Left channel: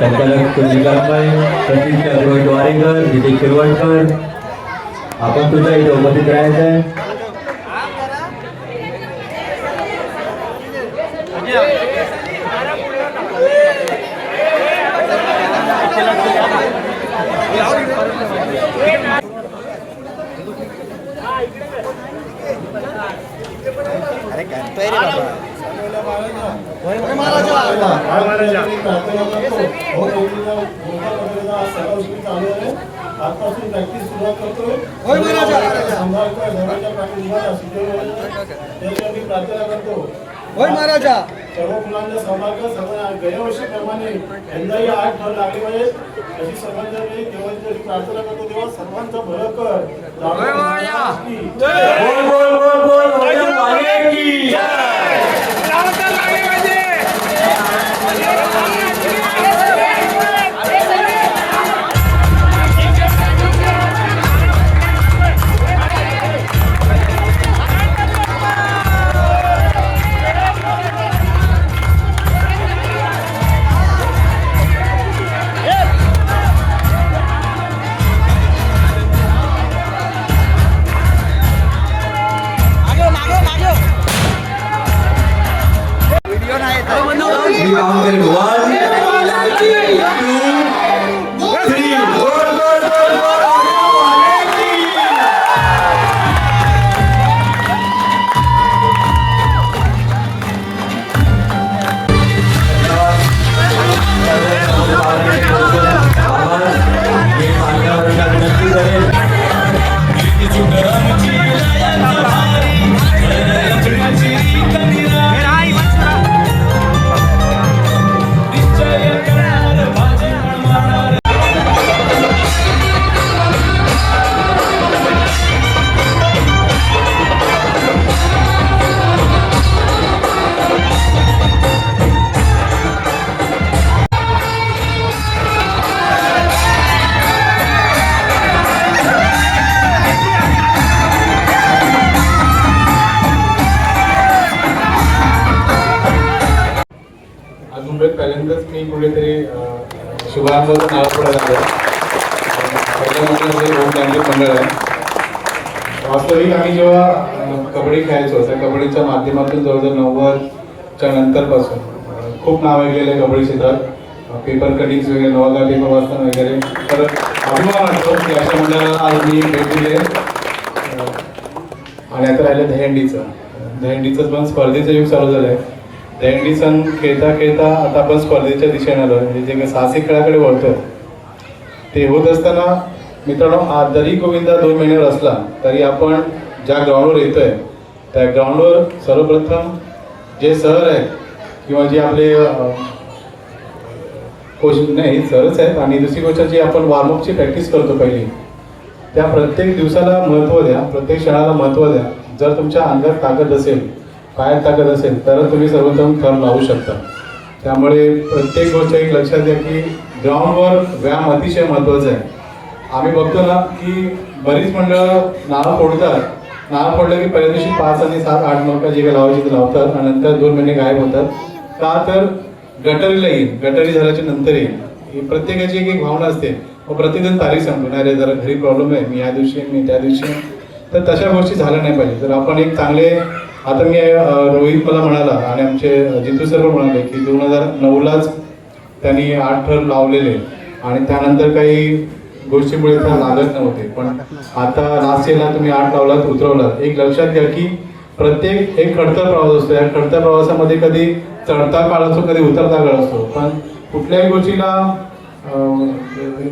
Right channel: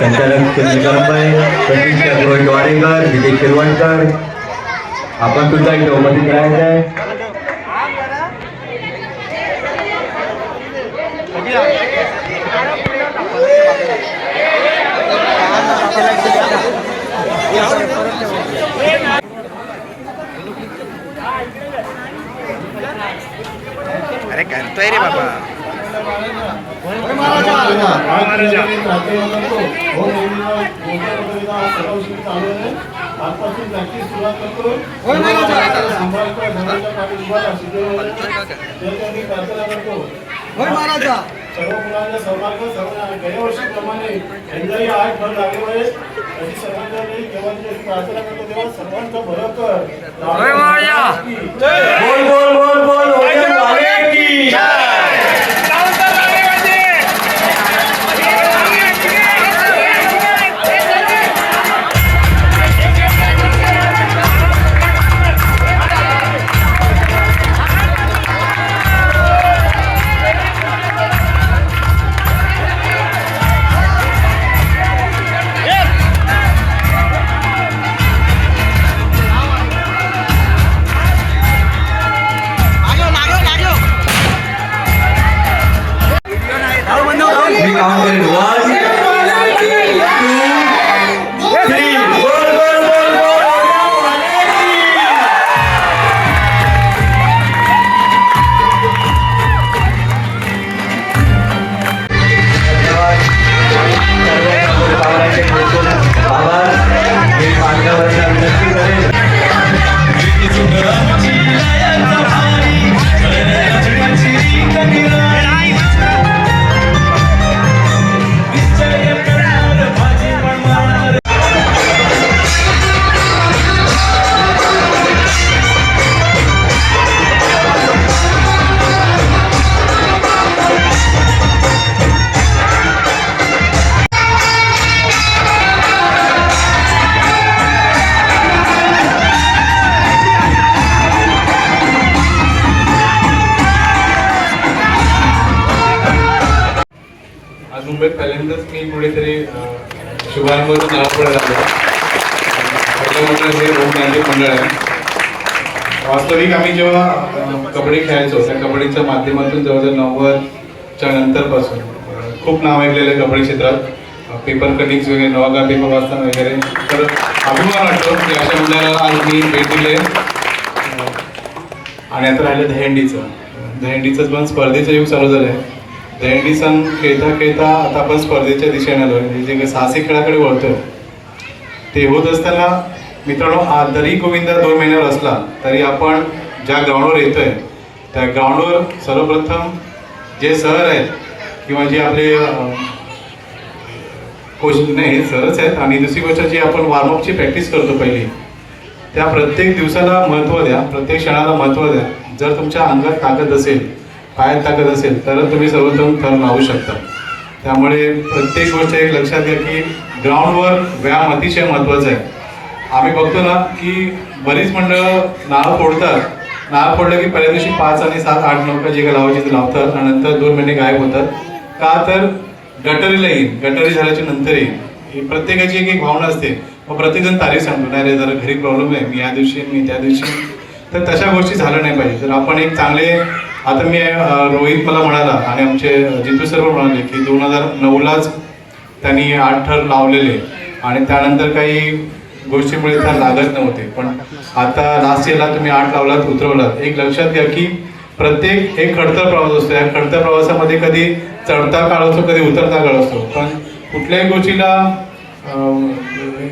संचालक सुनील कळंबाई प्रतिष्ठा रोहित वारेकर विजय शिरवणकर. आपण सुद्धा इथे उपस्थित राहायचं आहे. अरे करतोय रे बाबा. महाराजा. सर्व मुलांना सर्व गेल्या वर्षीप्रमाणे यंदाही आठ भर लागल्यामुळे अशी वेळी देवाची प्रार्थना करतो तेव्हा सर्वांचं भलं कर बोल बोल. बोल बोल वैजन खूप कबड्डी क्षेत्रात पेपर कटिंग्स वगैरे नवागा पेपर वाचताना वगैरे. तर अभिमान वाटतो की अशा मंडळाला आज मी भेट दिले आणि आता राहिलं दहीहंडीचं. दहीहंडीचं पण स्पर्धेचं युग चालू झालं आहे दहंडी सण खेळता खेळता आता आपण स्पर्धेच्या दिशेने आलो म्हणजे जे काही साहसी खेळाकडे वळतो ते होत असताना मित्रांनो आ- जरी गोविंदा दोन महिन्यावर असला तरी आपण ज्या ग्राउंडवर येतोय त्या ग्राउंडवर सर्वप्रथम जे सर आहेत किंवा जे आपले अं, नाही सरच आहेत. आणि दुसरी गोष्ट जी आपण वॉर्मअपची प्रॅक्टिस करतो पहिली त्या प्रत्येक दिवसाला महत्त्व द्या. प्रत्येक क्षणाला महत्त्व द्या. जर तुमच्या अंगात ताकद असेल पायात ताकद असेल तरच तुम्ही सर्वोत्तम थर लावू शकता. त्यामुळे प्रत्येक गोष्ट एक लक्षात घ्या की ग्राउंडवर व्यायाम अतिशय महत्त्वाचा आहे. आम्ही बघतो ना की बरीच मंडळं नाळं फोडतात. नाळं फोडलं की पहिल्या दिवशी पाच आणि सात आठ नऊ जे काही लावायचे ते लावतात. आणि नंतर दोन महिने गायब होतात. का तर गटरीला येईल गटरी झाल्याच्यानंतर येईल ही प्रत्येकाची एक एक भावना असते. व प्रत्येकजण तारीख सांगतो नाही रे जरा घरी प्रॉब्लेम आहे मी या दिवशी मी त्या दिवशी. तर तशा गोष्टी झाल्या नाही पाहिजे. जर आपण एक चांगले आता मी रोहित मला म्हणाला आणि आमचे जितू सर म्हणाले की दोन हजार नऊलाच त्यांनी आठ ठर लावलेले आणि त्यानंतर काही गोष्टीमुळे त्या लागत नव्हते. पण आता लास्ट इयरला तुम्ही आठ लावलात उतरवलात. एक लक्षात घ्या की प्रत्येक एक खडतर प्रवास असतो. या खडतर प्रवासामध्ये कधी चढता काळ असतो कधी उतरता काळ असतो पण कुठल्याही गोष्टीला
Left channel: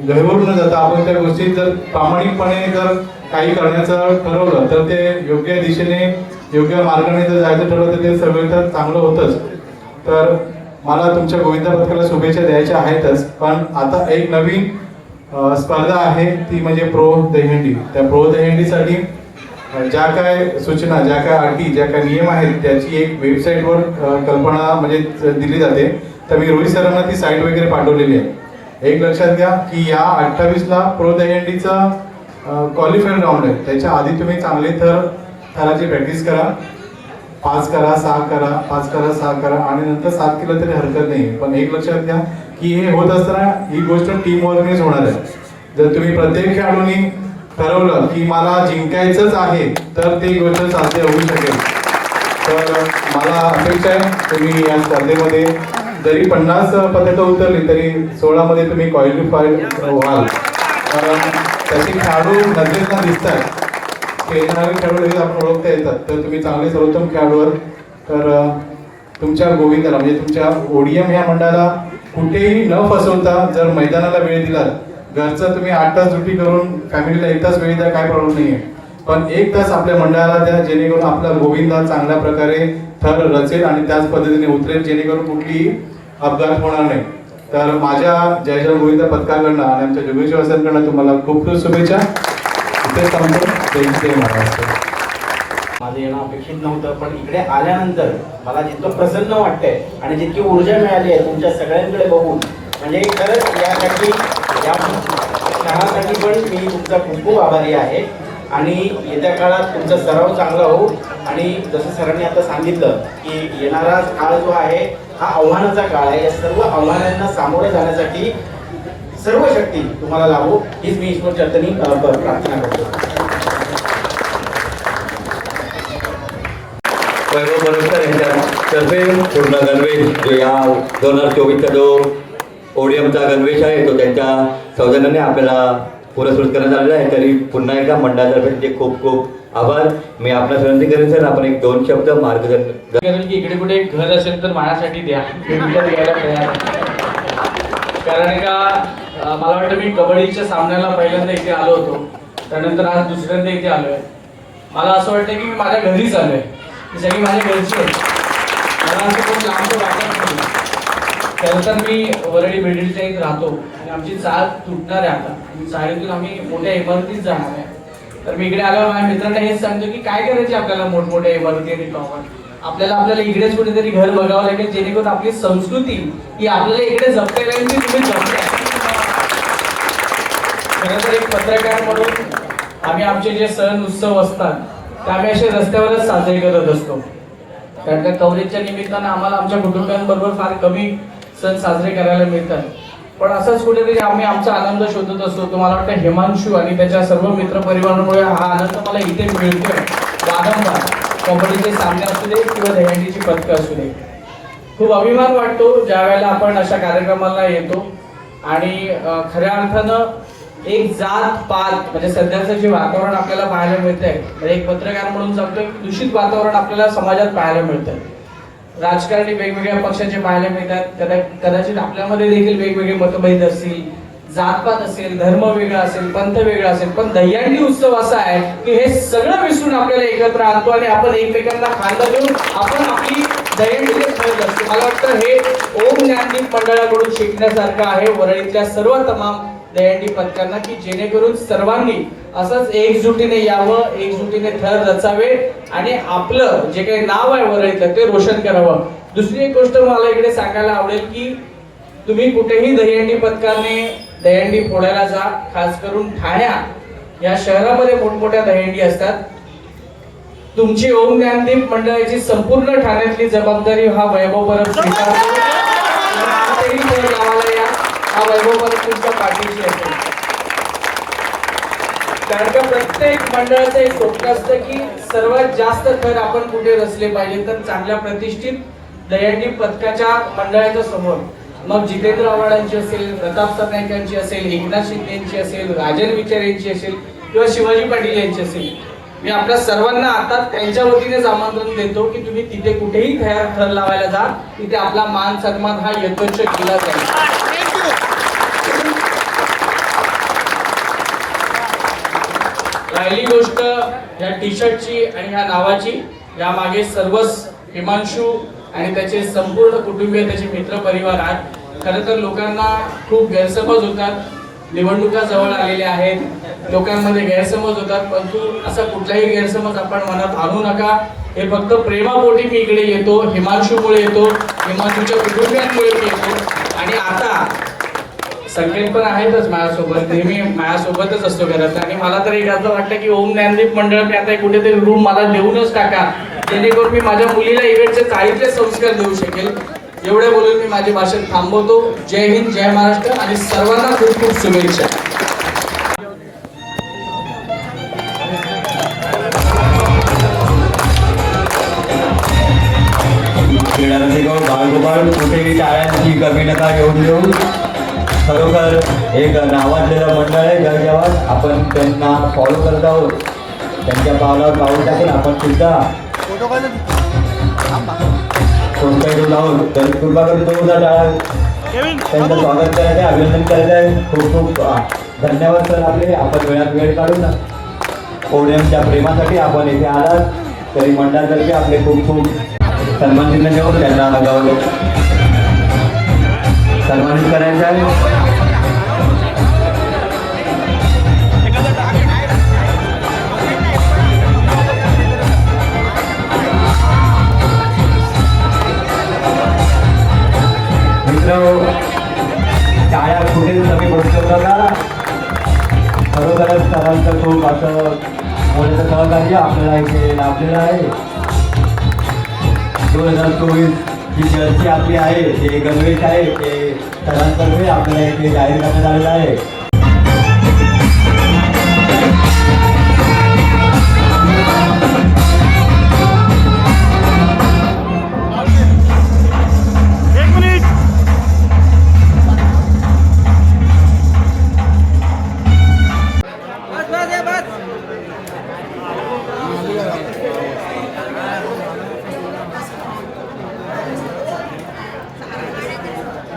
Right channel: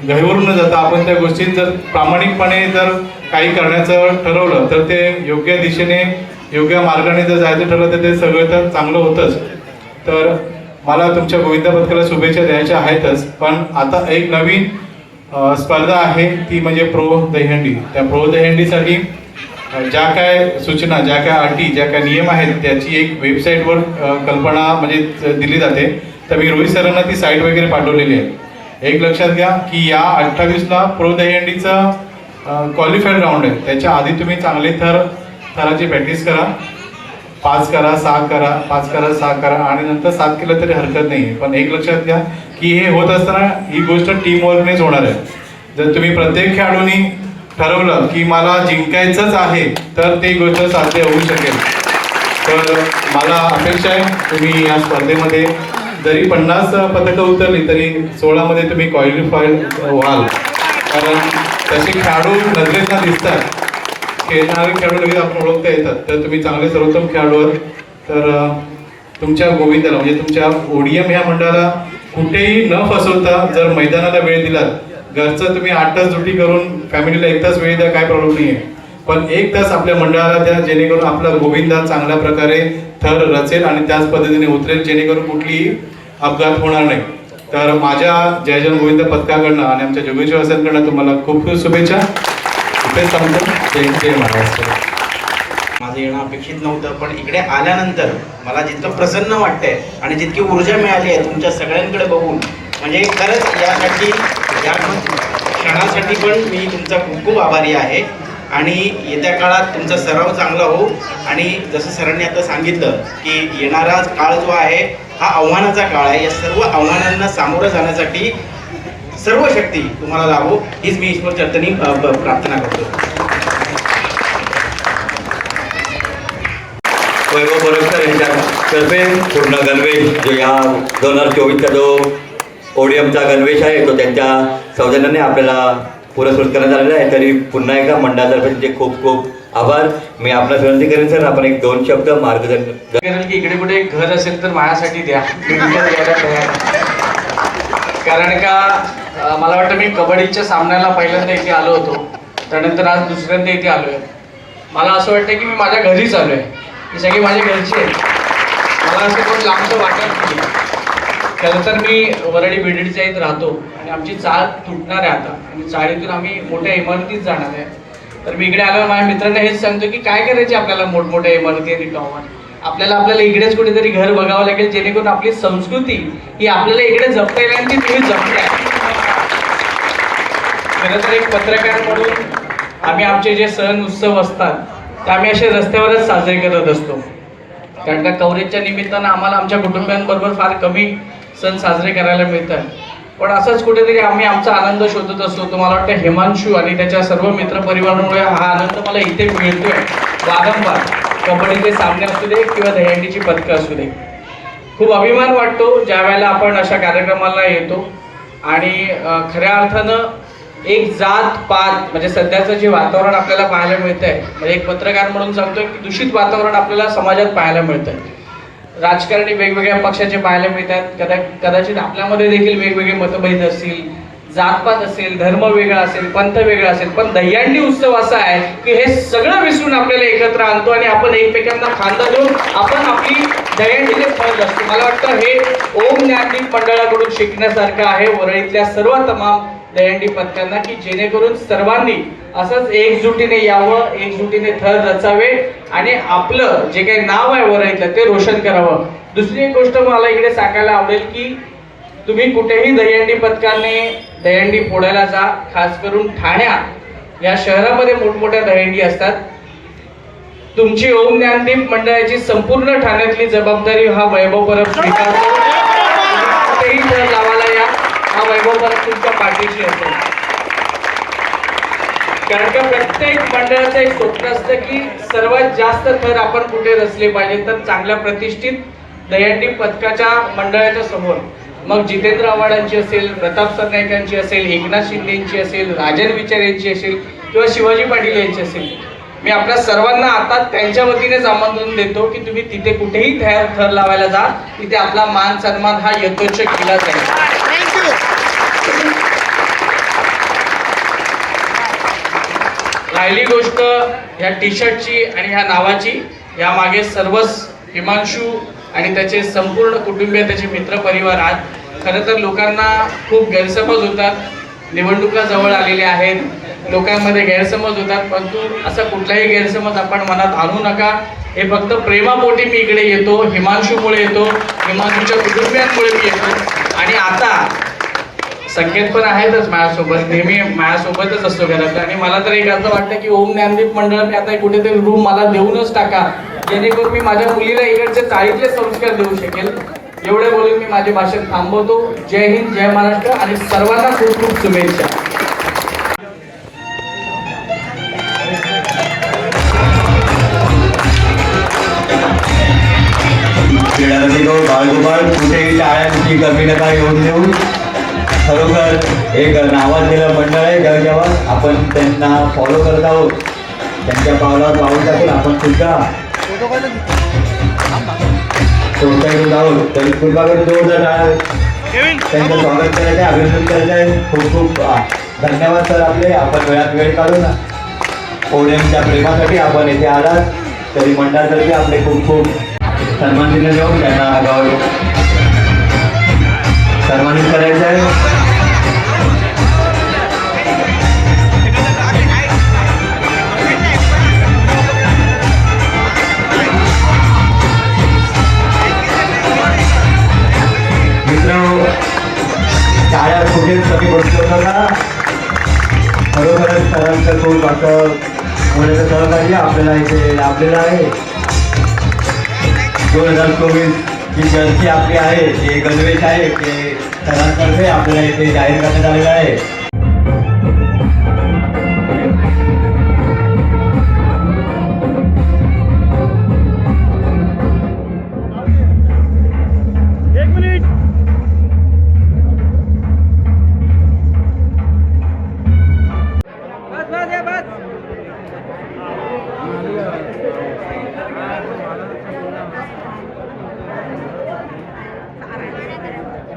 गहिवरून न जाता आपण त्या गोष्टीत जर प्रामाणिकपणे जर काही करण्याचं ठरवलं तर ते योग्य दिशेने योग्य मार्गाने जर जायचं ठरवलं तर ते सगळं तर चांगलं होतंच. तर मला तुमच्या गोविंद पथकाला शुभेच्छा द्यायच्या आहेतच पण आता एक नवीन स्पर्धा आहे ती म्हणजे प्रो दहीहंडी. त्या प्रो दहीहंडीसाठी ज्या काय सूचना ज्या काय अटी ज्या काय नियम आहेत त्याची एक वेबसाईटवर कल्पना म्हणजे दिली जाते. तर मी रोहित सरांना ती साईट वगैरे पाठवलेली आहे. एक लक्षात घ्या की या अठ्ठावीसला प्रो दहीहंडीचा क्वालिफाईड राऊंड आहे. त्याच्या आधी तुम्ही चांगले थर थराची प्रॅक्टिस करा. पाच करा सहा करा पाच करा सहा करा आणि नंतर सात केलं तरी हरकत नाही. पण एक लक्षात घ्या की हे होत असताना ही गोष्ट टीम वर्कनेच होणार आहे. जर तुम्ही प्रत्येक खेळाडूंनी ठरवलं की मला जिंकायचंच आहे तर ती गोष्ट साध्य होऊ शकेल. तर मला अपेक्षा आहे तुम्ही या स्पर्धेमध्ये जरी पन्नास पदकं उतरली तरी सोळामध्ये तुम्ही क्वालिफाईड व्हाल. कारण तसे खेळाडू नजरेतना दिसतात. खेळणारे खेळाडू लगेच आपण ओळखता येतात. तर तुम्ही चांगले सर्वोत्तम खेळाडू आहात तर तुमच्या गोविंदाला म्हणजे तुमच्या ओडीएम ह्या मंडळाला कुठेही न फसवता जर मैदानाला वेळ दिलात घरचं तुम्ही आठ तास ड्युटी करून फॅमिलीला एक तास वेळ द्या काय प्रॉब्लेम नाही आहे पण एक तास आपल्या मंडळाला द्या जेणेकरून आपला गोविंदा चांगल्या प्रकारे थर रचेल आणि त्याच पद्धतीने उतरेल जेणेकरून कुठलीही अपघात होणार नाही. तर माझ्या जय जय गोविंद पथकाकडनं आणि आमच्या जोगेश्वर वासांकडनं तुम्हाला खूप खूप शुभेच्छा. इथेच सांगतो जय जय महाराष्ट्र. माझं येणं अपेक्षित नव्हतं पण इकडे आल्यानंतर मला जितकं प्रसन्न वाटतंय आणि जितकी ऊर्जा मिळाली आहे तुमच्या सगळ्यांकडे बघून म्हणजे खरंच यासाठी या क्षणासाठी पण मी तुमचा खूप खूप आभारी आहे. आणि येत्या काळात तुमचा सराव चांगला हो आणि जसं सरांनी आता सांगितलं की येणारा काळ जो आहे हा आव्हानाचा काळ आहे. या सर्व आव्हानांना सामोरं जाण्यासाठी सर्व शक्ती तुम्हाला लाभो हीच मी ईश्वर चर्तनी प्रार्थना करतो. वैभव बरोबर यांच्यातर्फे पूर्ण गणवेश जो या दोन हजार चोवीसचा जो ओडियमचा गणवेश आहे. तो त्यांच्या सौजन्याने आपल्याला पुरस्कृत करण्यात आलेला आहे. तरी पुन्हा एकदा मंडळातर्फे त्यांचे खूप खूप आभार. मी आपल्याला विनंती करेन सर आपण एक दोन शब्द मार्गदर्शन करेल की इकडे कुठे एक घर असेल तर माझ्यासाठी द्या. कारण का मला वाटतं मी कबड्डीच्या सामन्याला पहिल्यांदा इथे आलो होतो. त्यानंतर आज दुसऱ्यांदा इथे आलो आहे मला असं वाटतं की मी माझ्या घरीच आलो आहे ही सगळी माझ्या घरची आहे. मला असं कोण लांबचं वाटत नाही. खरं तर मी वरळी बेडीच्या इथं राहतो आणि आमची चाळ तुटणार आहे आता. आणि चाळीतून आम्ही मोठ्या इमारतीत जाणार आहे. तर मी इकडे आल्यावर माझ्या मित्रांना हेच सांगतो की काय करायचे आपल्याला मोठमोठ्या इमारती आणि टॉवर आपल्याला आपल्याला इकडेच कुठेतरी घर बघावं लागेल जेणेकरून आपली संस्कृती ही आपल्याला इकडे जपता येईल आणि ती तुम्ही जपताय खरं तर एक पत्रकार म्हणून आम्ही आमचे जे सण उत्सव असतात ते आम्ही असे रस्त्यावरच साजरे करत असतो. कारण का कवरेजच्या निमित्तानं आम्हाला आमच्या कुटुंबियांबरोबर फार कमी सण साजरे करायला मिळतात. पण असंच कुठेतरी आम्ही आमचा आनंद शोधत असतो. तो मला वाटतं हिमांशू आणि त्याच्या सर्व मित्रपरिवारामुळे हा आनंद मला इथे मिळतोय. वारंवार. कबड्डीचे सामने असू दे किंवा दहीहंडीची पदकं असू दे. खूप अभिमान वाटतो ज्या वेळेला आपण अशा कार्यक्रमाला येतो. आणि खऱ्या अर्थानं एक जात पात म्हणजे सध्याचं जे वातावरण आपल्याला पाहायला मिळतंय म्हणजे एक पत्रकार म्हणून सांगतोय की दूषित वातावरण आपल्याला समाजात पाहायला मिळतंय. राजकारणी वेगवेगळ्या पक्षाचे पाहायला मिळतात. कदा कदाचित आपल्यामध्ये देखील वेगवेगळे मतभेद असतील जातपात असेल धर्म वेगळा असेल पंथ वेगळा असेल पण दह्यांडी उत्सव असा आहे की हे सगळं विसरून आपल्याला एकत्र आणतो आणि आपण एकमेकांना खांदा देऊन आपण आपली दह्यांडीने फळत असतो. मला वाटतं हे ओम ज्ञानदीप मंडळाकडून शिकण्यासारखं आहे. वरळीतल्या सर्व तमाम दहीहंडी पथकांना की जेणेकरून सर्वांनी असंच एकजुटीने यावं एकजुटीने थर रचावे आणि आपलं जे काही नाव आहे वरळीतलं ते रोशन करावं. दुसरी एक गोष्ट मला इकडे सांगायला आवडेल की तुम्ही कुठेही दहीहंडी पथकाने दहीहंडी फोडायला जा खास करून ठाण्या. या शहरामध्ये मोठमोठ्या दहीहंडी असतात. तुमची ओम ज्ञानदीप मंडळाची संपूर्ण ठाण्यातली जबाबदारी हा वैभव परब स्वीकारतो तुम्ही कुठेही थर लावायला या हा तुमच्या पाठीशी असेल कारण का प्रत्येक मंडळाचं एक स्वप्न असतं की सर्वात जास्त थर आपण कुठे रचले पाहिजे तर चांगल्या प्रतिष्ठित दहीहंडी पथकाच्या मंडळाच्या समोर. मग जितेंद्र आव्हाडांची असेल प्रताप सरनाईकांची असेल एकनाथ शिंदेची असेल राजन विचार यांची असेल किंवा शिवाजी पाटील यांची असेल. मी आपल्या सर्वांना आता त्यांच्या वतीनेच आमंत्रण देतो की तुम्ही तिथे कुठेही तयार थर लावायला जा तिथे आपला मान सन्मान हा यथोच्छ केला जाईल. राहिली गोष्ट ह्या टी शर्टची आणि ह्या नावाची. यामागे सर्वच हिमांशू आणि त्याचे संपूर्ण कुटुंबीय त्याचे मित्रपरिवार आहेत. खरं तर लोकांना खूप गैरसमज होतात. निवडणुका जवळ आलेल्या आहेत. लोकांमध्ये गैरसमज होतात. परंतु असा कुठलाही गैरसमज आपण मनात आणू नका. हे फक्त प्रेमापोटी मी इकडे येतो. हिमांशूमुळे येतो. हिमांशूच्या कुटुंबियांमुळे मी येतो. आणि आता संकेत पण आहेतच माझ्यासोबत. नेहमी माझ्यासोबतच असतो घरात. आणि मला तर एक असं वाटतं की ओम ज्ञानदीप मंडळाने आता कुठेतरी रूम मला देऊनच टाका. जेणेकरून मी माझ्या मुलीला इकडचे चाळीतले संस्कार देऊ शकेल. एवढे बोलून मी माझे भाषण थांबवतो. जय हिंद जय महाराष्ट्र आणि सर्वांना खूप खूप शुभेच्छा. बाळगोपाळ टाळ्यांची कमी नका घेऊन देऊ? खरोखर एक नावाजलेलं मंडळ आहे. जगजवान आपण त्यांना फॉलो करत आहोत त्यांच्या पावलावर पाऊल टाकून आपण सुद्धा कोणत्याही रोड आहोत तरी कृपाकडे जोरदार टाळ्या त्यांचं स्वागत करायचं आहे अभिनंदन करायचं आहे. खूप खूप धन्यवाद सर आपले. आपण वेळात वेळ काढून ओडियमच्या प्रेमासाठी आपण येथे आलात. तरी मंडळातर्फे आपले खूप खूप सन्मानित देऊन त्यांना गौरव सन्मानित करायचं आहे. मित्र शाळा कुठे कमी बसलो नका खरोखरच सरांचं खूप असं मोठं सहकार्य आपल्याला इथे लाभलेलं आहे. दोन हजार चोवीस जी जर्सी आपली आहे जे गणवेश आहे ते सरांतर्फे आपल्याला इथे जाहीर करण्यात आलेलं आहे.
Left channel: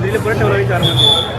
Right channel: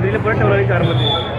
जय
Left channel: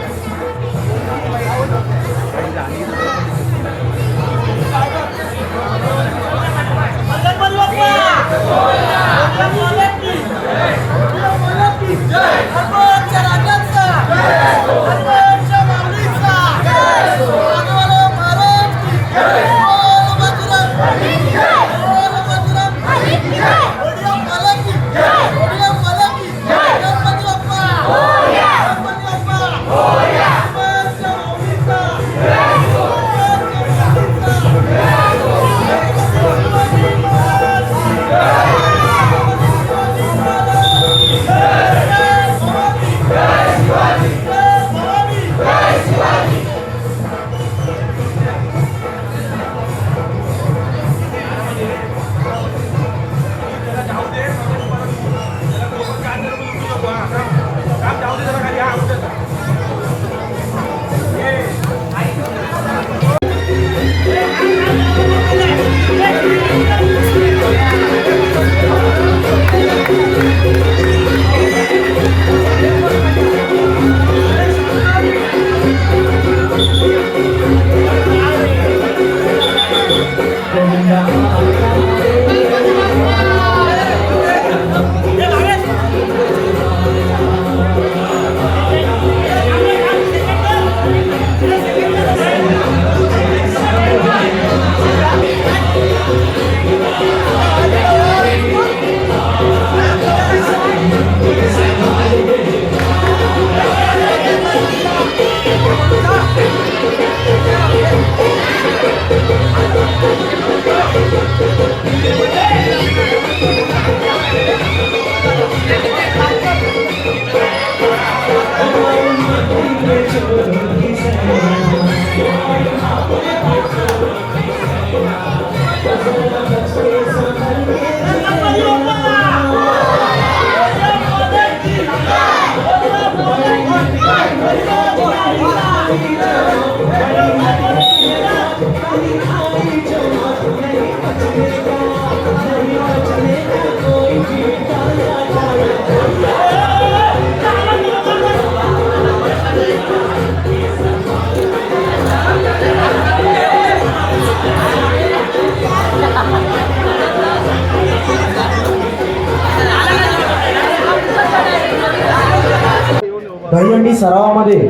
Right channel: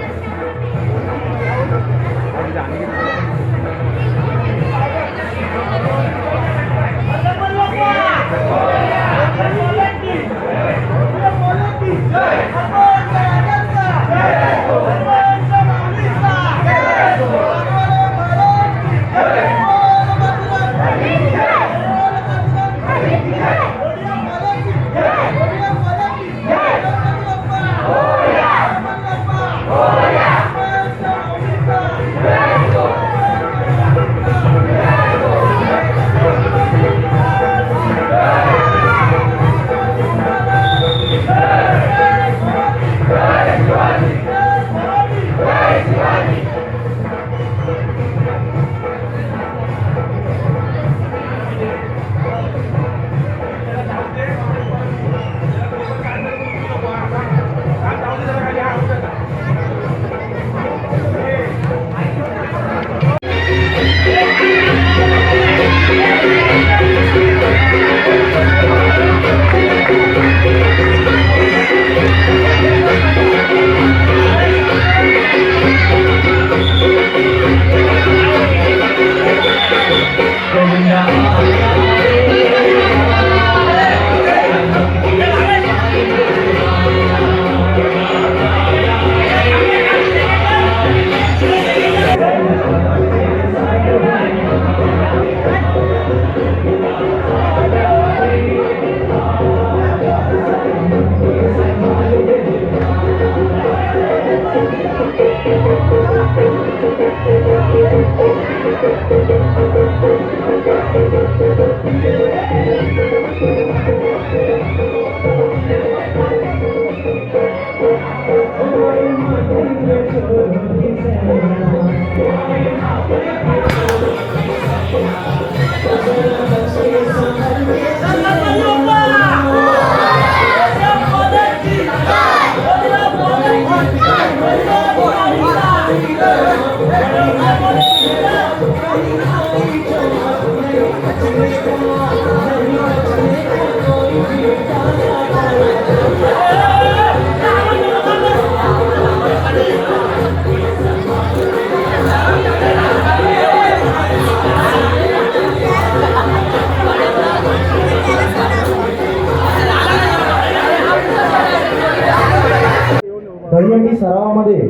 सरावामध्ये.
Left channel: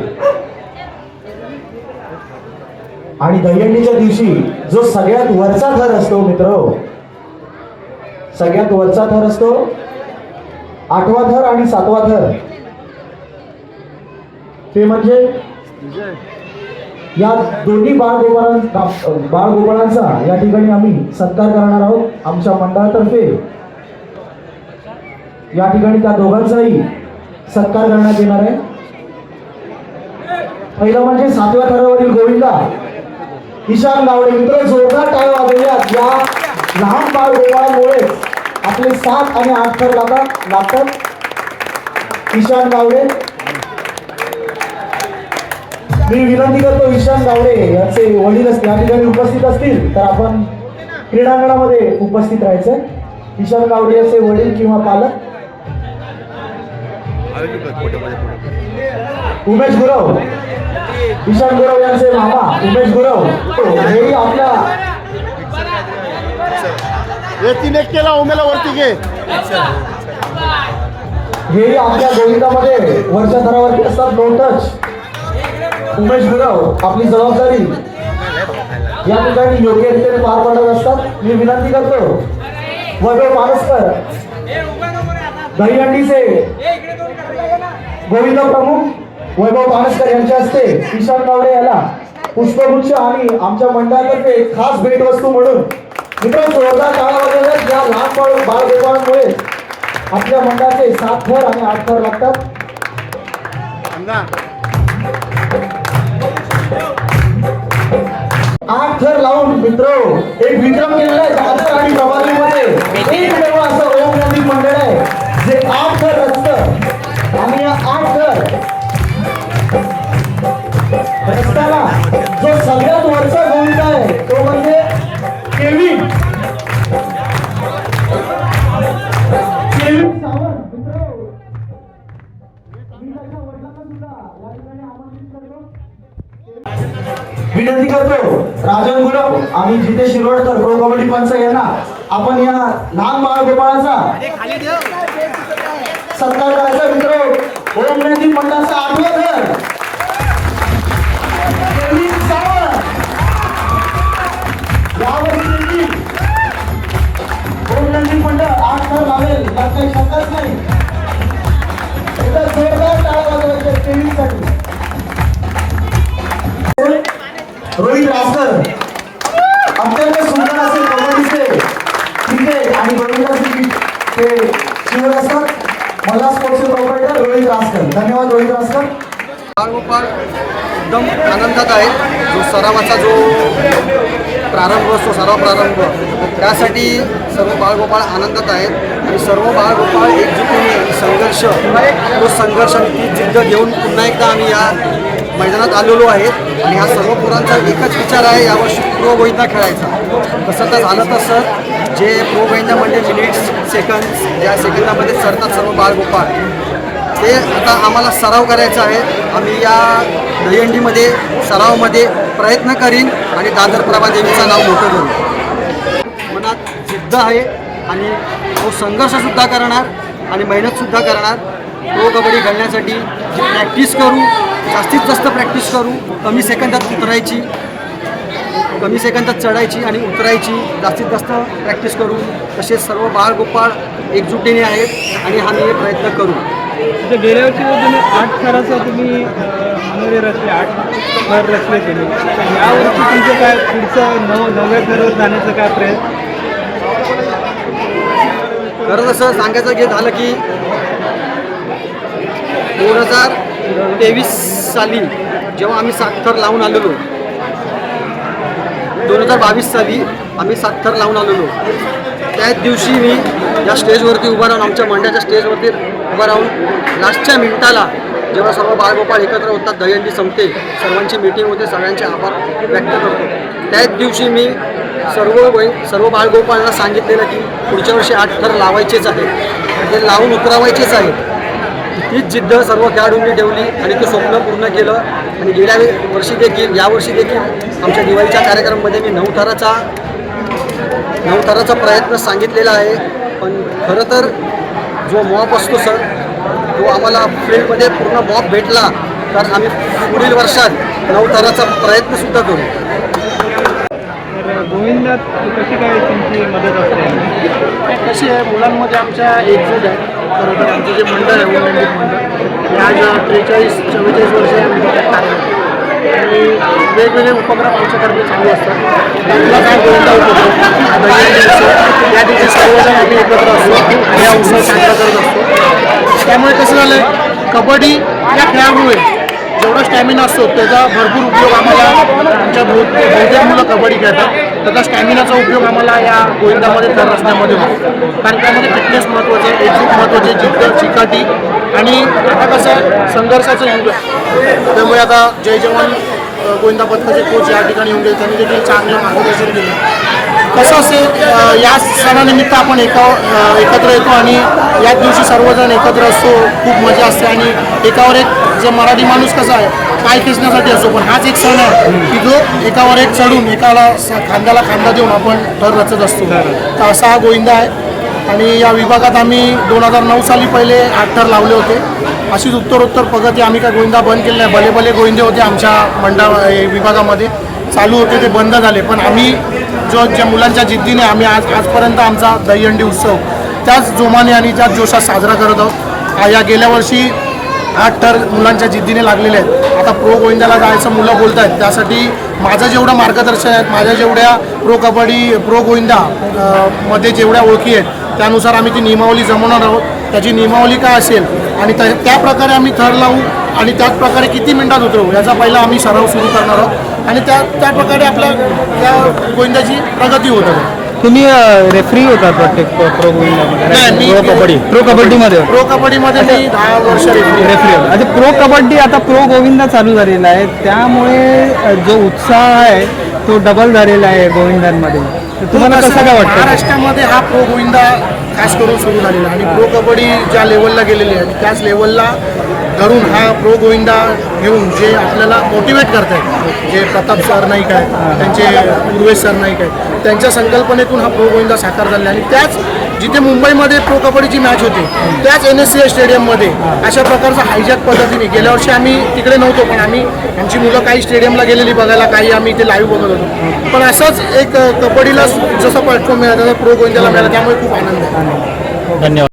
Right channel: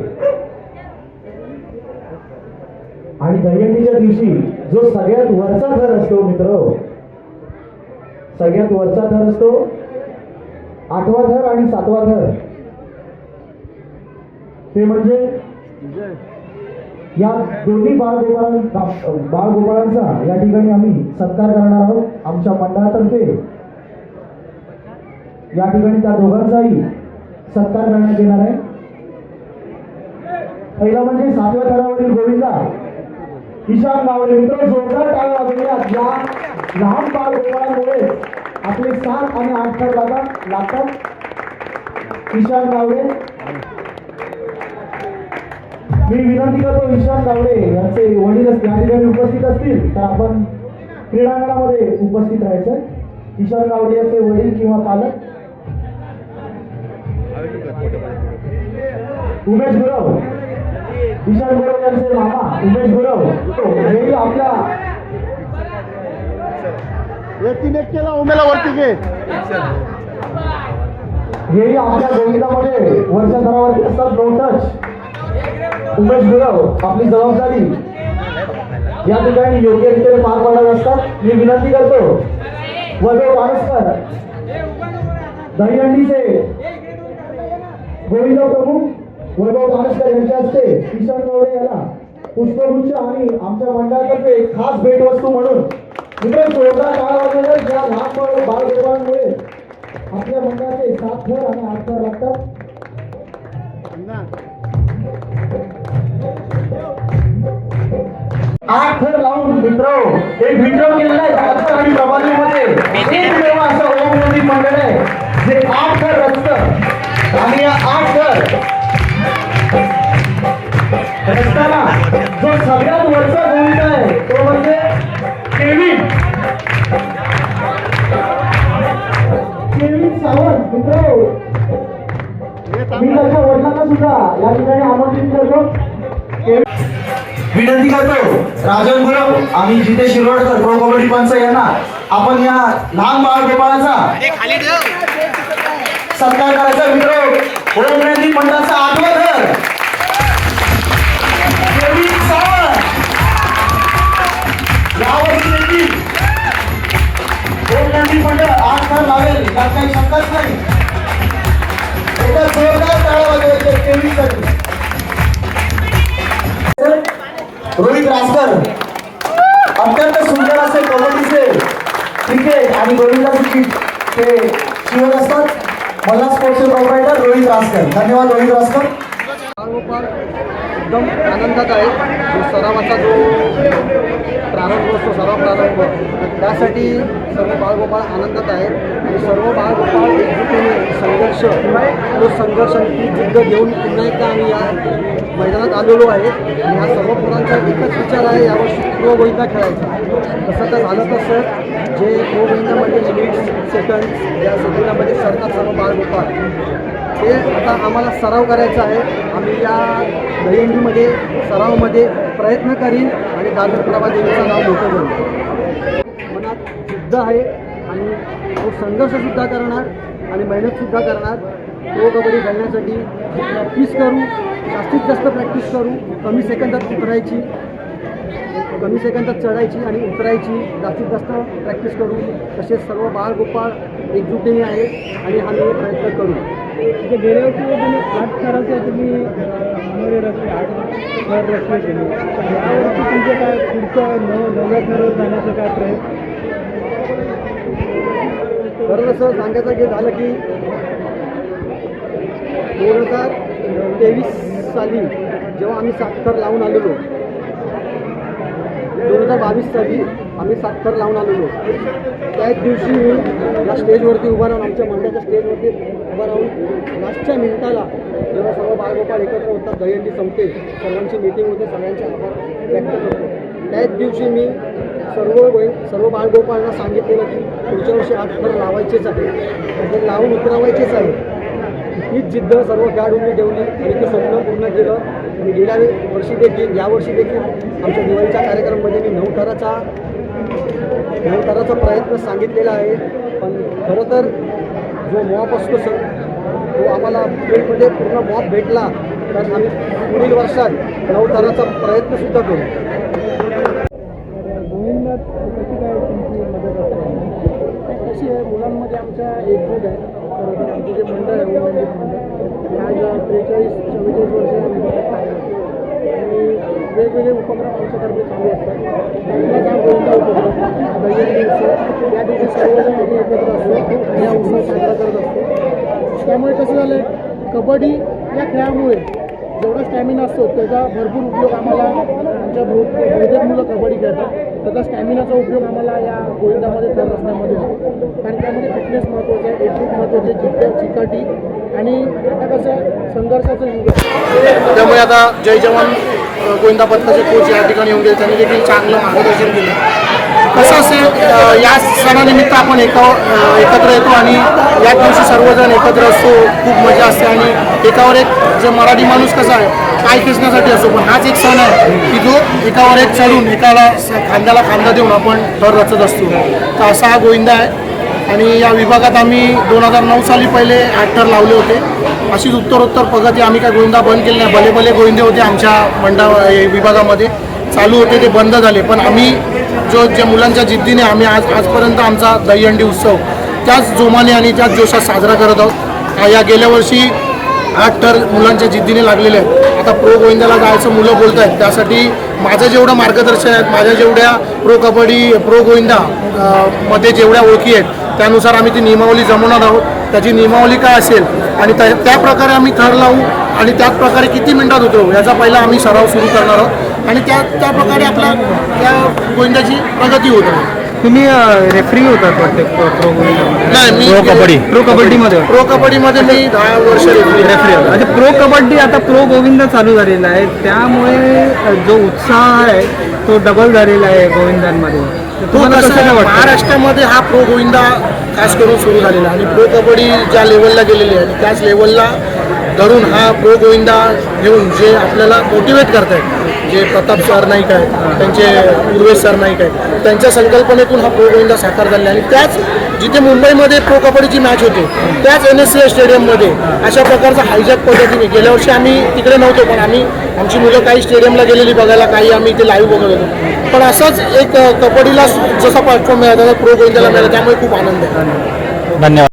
आणि दहीहंडीच्या दिवशी जो सगळ्यात वरचा थर असतो मित्र सगळ्यात वरचा थर असतो आठवा थर आणि सातवा थर. ते म्हणजे या दोन्ही बाळगोपाळांचा बाळगोपाळांचा या ठिकाणी आम्ही सत्कार करणार आहोत आमच्या मंडळातर्फे. या ठिकाणी त्या दोघांचाही सत्कार करण्यात येणार आहे. पहिलं म्हणजे सातव्या थरावरील गोविंदा. ईशान गावडे मित्र जोरदार टाळ वाजवल्यात. या लहान बाळ गोपाळांमुळे आपले सात आणि आठ थर लागतात लागतात ईशान गावडे. मी विनंती करतो ईशान गावडे यांचे वडील असतील या ठिकाणी उपस्थित असतील तर आपण क्रीडांगणामध्ये उपस्थित राहायचं. ईशान गावडे यांचे वडील किंवा पालक. उमेश गुरव. ईशान गुरव यांचे मामा उमेश गुरव. हेही आपल्या हे तीन एक केला उमेला वरती घे. हेही आपल्या गोविंदामध्ये वरच्या थरावरती असतात नो टच उमेश गुरव आपली जबाबदारी. या ठिकाणी योग्य रीतीने पार पडत असतात. मी विनंती करतो वैभव मानसकर दहीहंडीचे गोविंद प्रमुख वैभव पानसकर यांच्या हस्ते ईशान गावडे याला पुष्पगुच्छ आणि आमच्या मंडळातर्फे खास भेटवस्तू म्हणून मित्रांनो जोरदार टाळा वगैरे या लहान बाळ बाळगोपाळांमुळे आपल्या मंडळाचे सात थर आणि आठ थर लागतात. आठ थर लावून मित्र एक विक्रम केलेला आहे दादर आणि प्रभादेवीमध्ये एकमेव असं ओम मंडळ आहे. जे आठ थर रचतं. आणि या आठ थर रचताना जो सगळ्यात वरचा गोविंद आहे तो म्हणजे केविन केविन सावंत मित्र. मी त्याच्या वडिलांना सुद्धा या ठिकाणी आमंत्रित करतो. विनंती करतो राजन गुरव आम्ही जिथे शिरोडकर प्रो कबड्डी पंच यांना. आपण या लहान बाळ गोपाळाचा सत्कार करायचा मित्र. ओम नदी मंडळाचा आठवण काही नाही एकदा जोरदार टाळा वाजवायचे केविनसाठी रोहित रासकर अत्यंत सुंदर असे कबड्डीचे क्रिकेट आणि गोविंदाचे ते शिवत असतात. मला स्पोर्ट्स प्रोव्हायडर रोहित रासकर धन्यवाद रोहित रासकर बाळगोपाळ एकदम आनंदात आहे. जो सरावाचा जो प्रारंभ असतो सराव प्रारंभ त्यासाठी सर्व बाळगोपाळ आनंदात आहेत. आणि सर्व बाळगोपाळ एकजुटीने संघर्ष तो संघर्ष आणि ती जिद्द घेऊन पुन्हा एकदा आम्ही या मैदानात आलेलो आहेत. आणि हा सर्व पोरांचा एकच विचार आहे यावर्षी प्रो गोविंदा खेळायचा. तसं तर झालं तसं जे प्रो गोविंदा म्हणजे मिनिट्स सेकंद या सेकंदामध्ये सरतात सर्व बाळगोपाळ ते आता आम्हाला सराव करायचा आहे. आम्ही या दहीहंडीमध्ये सरावमध्ये प्रयत्न करीन आणि दादर प्रभादेवीचं नाव मोठं करू मनात जिद्द आहे आणि तो संघर्षसुद्धा करणार आणि मेहनतसुद्धा करणार. प्रो कबड्डी खेळण्यासाठी प्रॅक्टिस करू जास्तीत जास्त प्रॅक्टिस करू कमी सेकंदात उतरायची कमी सेकंदात चढायची आणि उतरायची जास्तीत जास्त प्रॅक्टिस करू तसेच सर्व बाळगोपाळ एकजुटीने आहेत आणि आम्ही हे प्रयत्न करू. गेल्या वर्षी तुम्ही आठ थराचं तुम्ही रचले आठ थर रचले यावर्षी तुमचं काय पुढचं नव नव्या थरावर जाण्याचं काय प्रयत्न? खरं तसं सांगायचं हे झालं की दोन हजार तेवीस साली जेव्हा आम्ही साखर लावून आलेलो दोन हजार बावीस साली आम्ही साखर लावून आलेलो. त्याच दिवशी मी या स्टेजवरती उभा राहून आमच्या मंड्याच्या स्टेजवरती उभा राहून लास्टच्या मिनिटाला जेव्हा सर्व बाळगोपाळ एकत्र होतात दहीहंडी संपते सर्वांची मीटिंग होते सगळ्यांचे आभार व्यक्त करतो. त्याच दिवशी मी सर्व वै सर्व बाळगोपाळांना सांगितलेलं की पुढच्या वर्षी आठ थर लावायचेच आहे ते लावून उतरवायचेच आहे तीच जिद्द सर्व खेळाडूंनी ठेवली आणि ते स्वप्न पूर्ण केलं. आणि गेल्या वर्षी देखील यावर्षी देखील आमच्या दिवाळीच्या कार्यक्रमामध्ये मी नऊ थराचा नऊ थराचा प्रयत्न सांगितलेला आहे. पण खरं तर जो मॉप असतो सर तो आम्हाला फील्डमध्ये पूर्ण मॉप भेटला. तर आम्ही पुढील वर्षात नऊ थराचा प्रयत्नसुद्धा करू. गोविंदात कशी काय तुमची मदत असते? कशी आहे मुलांमध्ये आमच्या एकजूट आहे. खरं तर आमचं जे मंडळ आहे उन्नंदित मंडळ हे आज त्रेचाळीस चव्वेचाळीस वर्ष या मंडळात कार्यरत आहे. आणि वेगवेगळे उपक्रम आमच्याकडे चालू असतात. त्यातला काय गोविंदा उपक्रम या दिवशी सर्वजण आम्ही एकत्र असतो. आणि हा उत्सव साजरा करत. त्यामुळे कसं झालं आहे कबड्डी या खेळामुळे जेवढा स्टॅमिना असतो त्याचा भरपूर उपयोग आम्हाला आमच्या बहुतेक मुलं कबड्डी खेळतात. त्याचा स्टॅमिनाचा उपयोग आम्हाला या गोविंदामध्ये तर रचण्यामध्ये होतो. कारण त्यामध्ये फिटनेस महत्त्वाचे आहे एक्झिट महत्त्वाचे जिद्द चिकाटी आणि आता कसं संघर्षाचं युग आहे. त्यामुळे आता जय जवान गोविंदा पथकाचे कोच या ठिकाणी येऊन गेले. त्यांनी देखील चांगलं मार्गदर्शन केलं. कसं असेल या सणानिमित्त आपण एका एकत्र येतो आणि या दिवशी सर्वजण एकत्र असतो खूप मजा असते आणि एकावर एक जे मराठी माणूस कसा आहे काय खेचण्यासाठी असतो पण हाच एक सण आहे की जो एकावर एक चढून एकाला स- खांद्याला खांदा देऊन आपण थर रचत असतो. तर असा हा गोविंदा आहे आणि या विभागात आम्ही दोन हजार नऊ साली पहिले आठ थर लावले होते. अशीच उत्तरोत्तर प्रगती आम्ही काय गोविंदा बंद केले नाही भले भले गोविंदे होते आमच्या मंडळ विभागामध्ये. चालू होते ते बंद झाले. पण आम्ही जो ज्या मुलांच्या जिद्दीने आम्ही आज आजपर्यंत आमचा दहीहंडी उत्सव त्याच जोमाने आणि त्याच जोशात साजरा करत आहोत. या गेल्या वर्षी आठ तर मुलांच्या जिद्दीने लागलेले आहेत. आता प्रो गोविंदाला जायचं मुलं बोलत आहेत त्यासाठी माझं जेवढं मार्गदर्शन आहेत माझ्या जेवढ्या प्रो कबड्डी प्रो गोविंदा मध्ये जेवढ्या ओळखी आहेत त्यानुसार आम्ही ती नियमावली जमवणार आहोत. त्याची नियमावली काय असेल आणि त्या प्रकारे आम्ही थर लावू आणि त्याच प्रकारे किती मिनिटात उतरवू याचा पहिला आम्ही सराव सुरू करणार आहोत. आणि त्या त्या प्रकारे आपल्या त्या गोविंदाची प्रगती होत आहे. तुम्ही रेफरी होता प्रत्येक प्रो नाही कबड्डी. प्रो कबड्डीमध्ये? प्रो कबड्डीमध्ये मी दहा वर्ष रेफरी म्हणजे प्रो कबड्डी आता प्रो गोविंद चालू झालेला आहे. त्यामुळे जो उत्साह आहे तो डबल झालेला आहे गोविंदांमध्ये. तो तुम्हाला कसं काय वाटतं? महाराष्ट्रामध्ये हा प्रो गोविंदा खास करून सुरू झालेला आणि प्रो कबड्डी ज्या लेवलला गेलेली आहे त्याच लेवलला धरून हा प्रो गोविंदा घेऊन जे आपल्याला मोटिवेट करतायत जे प्रताप सर नाईक आहेत त्यांचे उर्वेश सर नाईक आहेत त्यांच्या संकल्पनेतून हा प्रो गोविंदा साकार झालेला आणि त्याच जिथे मुंबईमध्ये प्रो कबड्डीची मॅच होते त्याच एन एस सी एस स्टेडियममध्ये अशा प्रकारचा हायजॅक पद्धतीने गेल्या वर्षी आम्ही तिकडे नव्हतो पण आम्ही आमची मुलं काही स्टेडियमला गेलेली बघायला काही आम्ही इथे लाईव्ह बघत होतो. पण असाच एक कबड्डीला जसा प्लॅटफॉर्म मिळाला तसा प्रो गोविंदाला मिळाला त्यामुळे खूप आनंद आहे. धन्यवाद.